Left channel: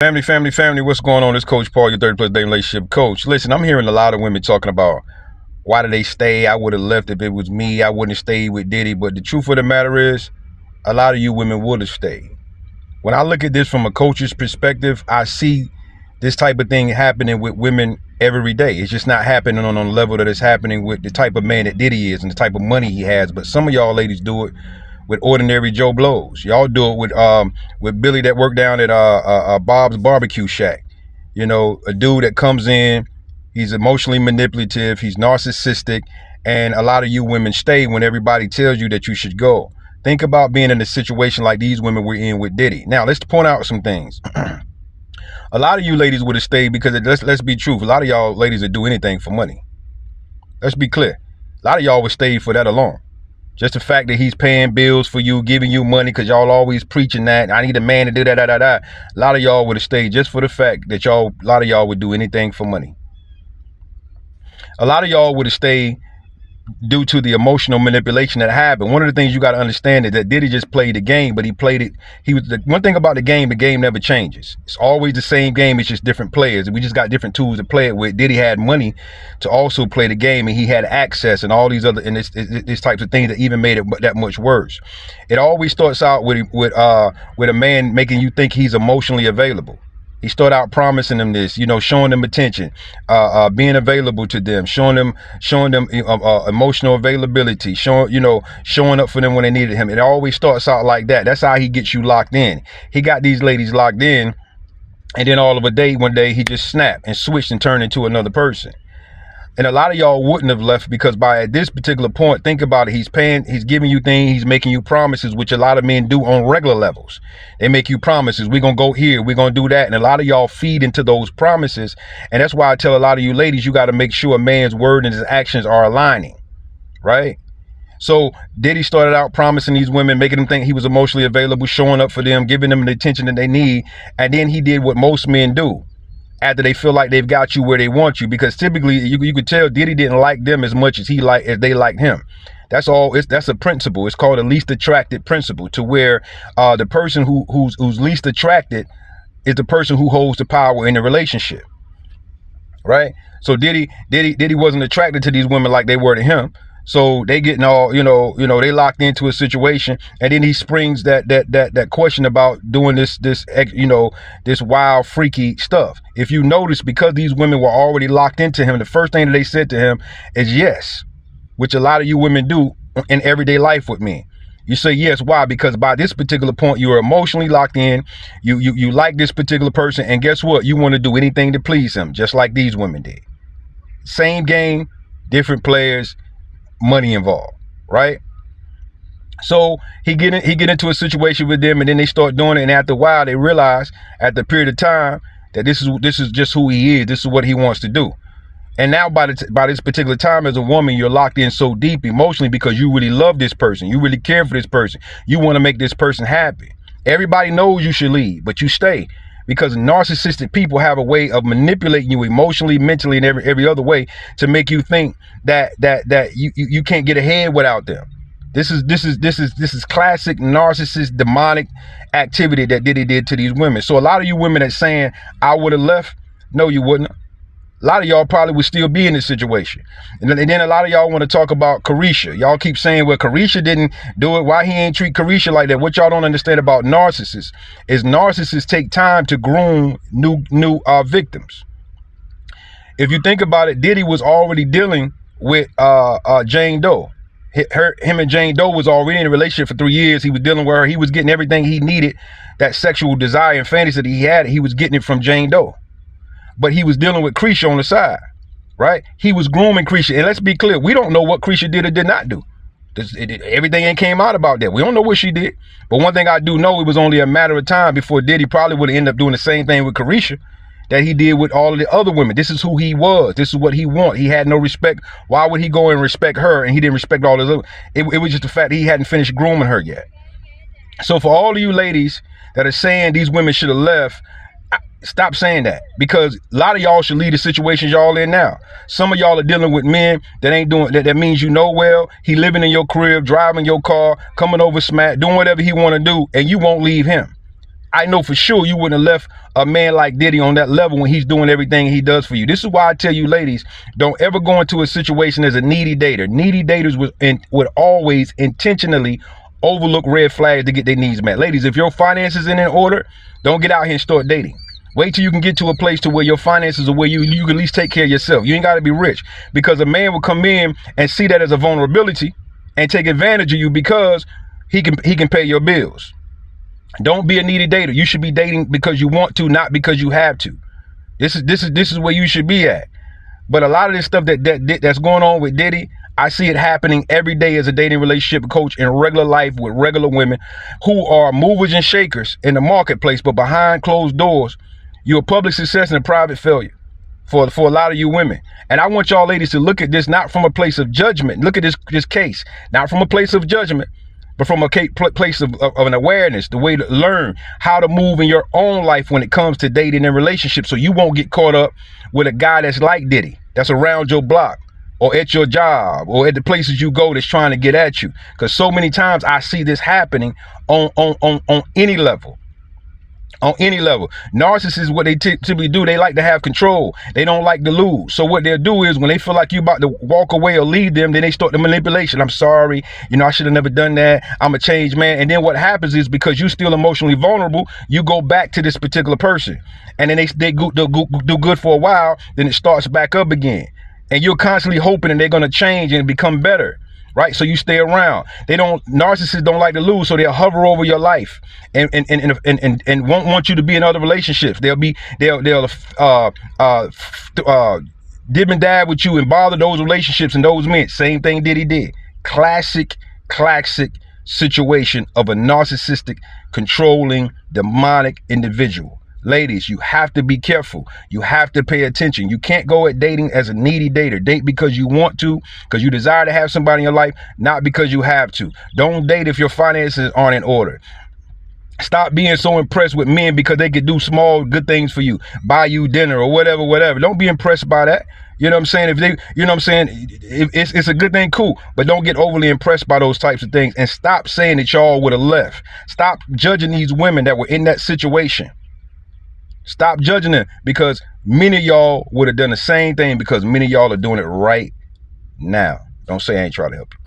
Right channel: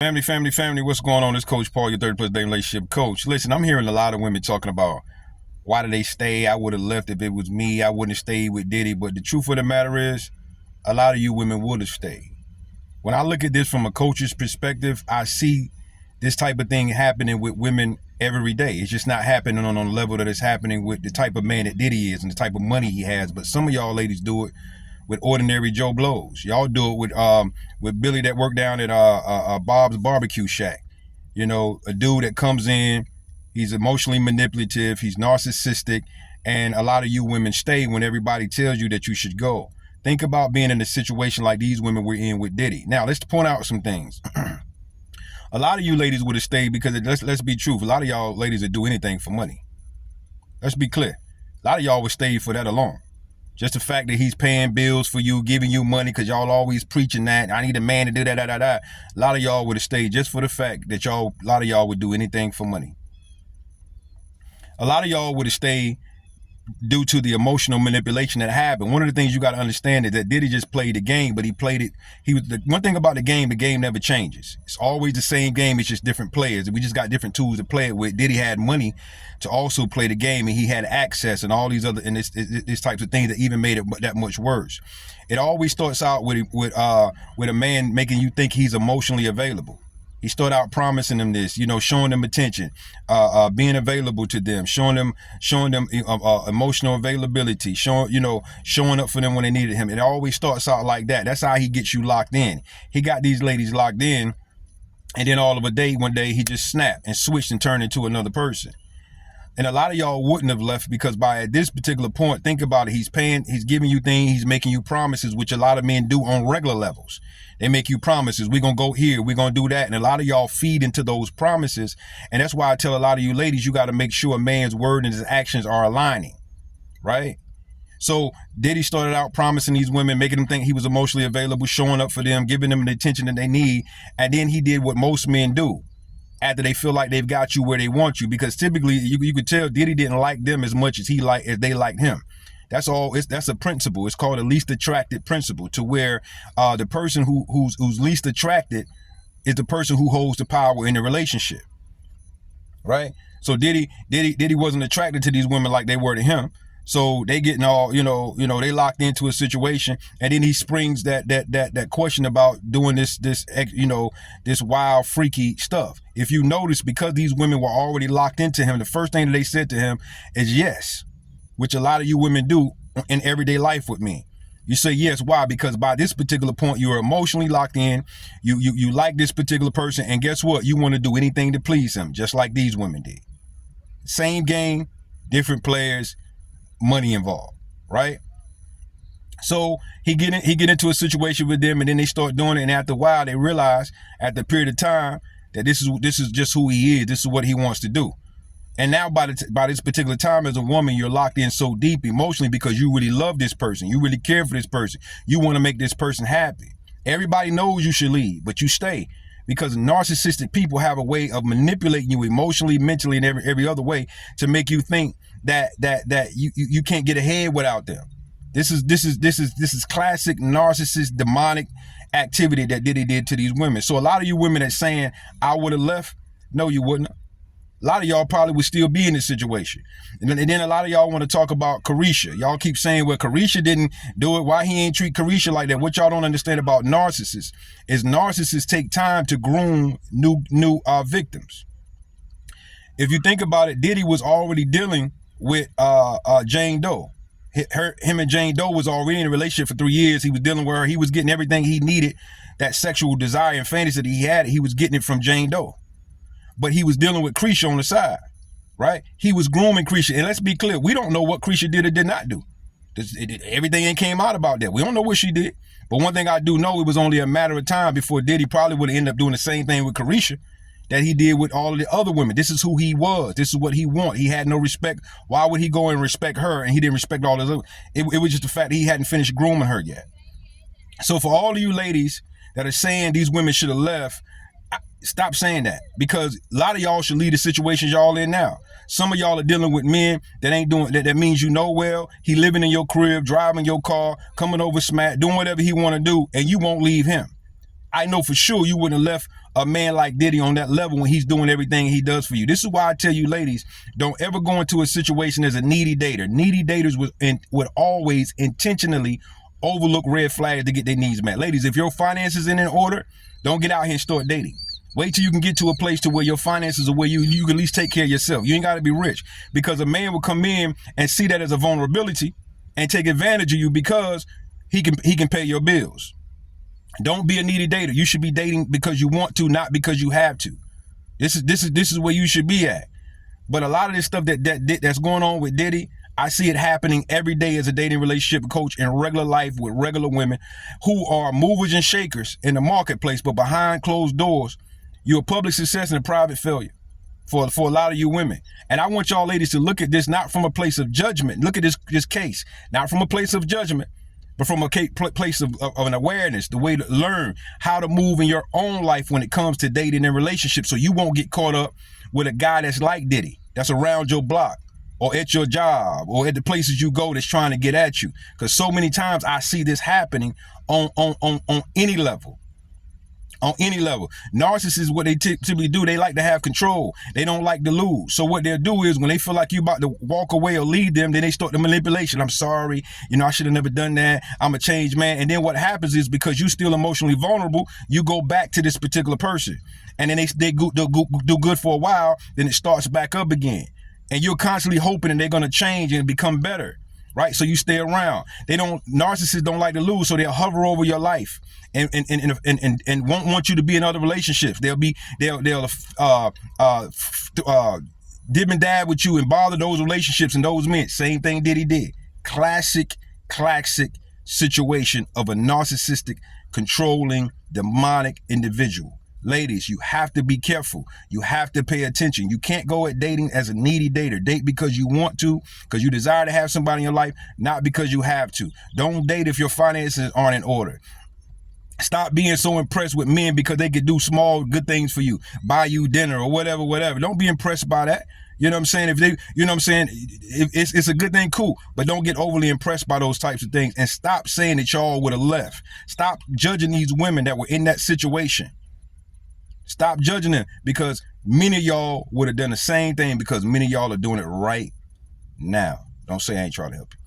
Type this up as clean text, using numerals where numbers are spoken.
Family, what's going on? This Coach Paul, your 30-plus day relationship coach. Listen, I'm hearing a lot of women talking about why did they stay? I would have left if it was me. I wouldn't have stayed with Diddy. But the truth of the matter is, a lot of you women would have stayed. When I look at this from a coach's perspective, I see this type of thing happening with women every day. It's just not happening on the level that it's happening with the type of man that Diddy is and the type of money he has. But some of y'all ladies do it with ordinary Joe Blows. Y'all do it with Billy that worked down at Bob's Barbecue Shack. You know, a dude that comes in, he's emotionally manipulative, he's narcissistic, and a lot of you women stay when everybody tells you that you should go. Think about being in a situation like these women were in with Diddy. Now, let's point out some things. A lot of you ladies would have stayed because, let's be true, a lot of y'all ladies would do anything for money. Let's be clear. A lot of y'all would stay for that alone. Just the fact that he's paying bills for you, giving you money, because y'all always preaching that, I need a man to do that. A lot of y'all would have stayed just for the fact that a lot of y'all would do anything for money. A lot of y'all would have stayed due to the emotional manipulation that happened. One of the things you got to understand is that Diddy just played the game, but he played it. One thing about the game never changes. It's always the same game. It's just different players. We just got different tools to play it with. Diddy had money to also play the game, and he had access and all these other and these types of things that even made it that much worse. It always starts out with a man making you think he's emotionally available. He started out promising them this, showing them attention, being available to them, showing them emotional availability, showing up for them when they needed him. It always starts out like that. That's how he gets you locked in. He got these ladies locked in, and then one day he just snapped and switched and turned into another person. And a lot of y'all wouldn't have left because at this particular point, think about it, he's giving you things, he's making you promises, which a lot of men do on regular levels. They make you promises, we're going to go here, we're going to do that. And a lot of y'all feed into those promises. And that's why I tell a lot of you ladies, you got to make sure a man's word and his actions are aligning, right? So Diddy started out promising these women, making them think he was emotionally available, showing up for them, giving them the attention that they need. And then he did what most men do after they feel like they've got you where they want you, because typically you could tell Diddy didn't like them as much as they liked him. That's a principle. It's called the least attracted principle, to where the person who's least attracted is the person who holds the power in the relationship, right? So Diddy wasn't attracted to these women like they were to him. So they getting all, they locked into a situation, and then he springs that question about doing this wild, freaky stuff. If you notice, because these women were already locked into him, the first thing that they said to him is yes, which a lot of you women do in everyday life with me. You say yes, why? Because by this particular point, you are emotionally locked in. You like this particular person, and guess what? You want to do anything to please him, just like these women did. Same game, different players, money involved, right? So he get into a situation with them, and then they start doing it, and after a while they realize, after a period of time, that this is just who he is. This is what he wants to do. And now by this particular time, as a woman, you're locked in so deep emotionally because you really love this person, you really care for this person, you want to make this person happy. Everybody knows you should leave, but you stay, because narcissistic people have a way of manipulating you emotionally, mentally, and every other way to make you think that you can't get ahead without them. This is classic narcissist demonic activity that Diddy did to these women. So a lot of you women that's saying I would have left, no, you wouldn't. A lot of y'all probably would still be in this situation. And then a lot of y'all want to talk about Carisha. Y'all keep saying, well, Carisha didn't do it. Why he ain't treat Carisha like that? What y'all don't understand about narcissists is narcissists take time to groom new victims. If you think about it, Diddy was already dealing with Jane Doe. Him and Jane Doe was already in a relationship for 3 years. He was dealing with her. He was getting everything he needed. That sexual desire and fantasy that he had, he was getting it from Jane Doe. But he was dealing with Carisha on the side, right? He was grooming Carisha. And let's be clear, we don't know what Carisha did or did not do. Everything ain't came out about that. We don't know what she did. But one thing I do know, it was only a matter of time before Diddy probably would have ended up doing the same thing with Carisha that he did with all of the other women. This is who he was. This is what he wanted. He had no respect. Why would he go and respect her and he didn't respect all the other? It was just the fact that he hadn't finished grooming her yet. So for all of you ladies that are saying these women should have left, stop saying that, because a lot of y'all should leave the situations y'all in now. Some of y'all are dealing with men that ain't doing that. That means well, he living in your crib, driving your car, coming over smack, doing whatever he want to do, and you won't leave him. I know for sure you wouldn't have left a man like Diddy on that level when he's doing everything he does for you. This is why I tell you, ladies, don't ever go into a situation as a needy dater. Needy daters would always intentionally overlook red flags to get their needs met. Ladies, if your finances ain't in order, don't get out here and start dating. Wait till you can get to a place to where your finances are where you can at least take care of yourself. You ain't got to be rich, because a man will come in and see that as a vulnerability and take advantage of you because he can pay your bills. Don't be a needy dater. You should be dating because you want to, not because you have to. This is where you should be at. But a lot of this stuff that's going on with Diddy, I see it happening every day as a dating relationship coach in regular life with regular women who are movers and shakers in the marketplace, but behind closed doors, you're a public success and a private failure for a lot of you women. And I want y'all ladies to look at this not from a place of judgment. Look at this case, not from a place of judgment, but from a place of an awareness, the way to learn how to move in your own life when it comes to dating and relationships, so you won't get caught up with a guy that's like Diddy, that's around your block or at your job or at the places you go that's trying to get at you. Because so many times I see this happening on any level. On any level. Narcissists, what they typically do, they like to have control. They don't like to lose. So what they'll do is when they feel like you about to walk away or leave them, then they start the manipulation. I'm sorry, I should have never done that. I'm a changed man. And then what happens is, because you're still emotionally vulnerable, you go back to this particular person. And then they do good for a while, then it starts back up again. And you're constantly hoping that they're going to change and become better. Right? So you stay around. Narcissists don't like to lose, so they'll hover over your life and won't want you to be in other relationships. They'll dib and dab with you and bother those relationships and those men. Same thing Diddy did. Classic situation of a narcissistic, controlling, demonic individual. Ladies, you have to be careful. You have to pay attention. You can't go at dating as a needy dater. Date because you want to, because you desire to have somebody in your life, not because you have to. Don't date if your finances aren't in order. Stop being so impressed with men because they could do small good things for you, buy you dinner or whatever. Don't be impressed by that. You know what I'm saying? If it's a good thing, cool. But don't get overly impressed by those types of things. And stop saying that y'all would have left. Stop judging these women that were in that situation. Stop judging them, because many of y'all would have done the same thing, because many of y'all are doing it right now. Don't say I ain't trying to help you.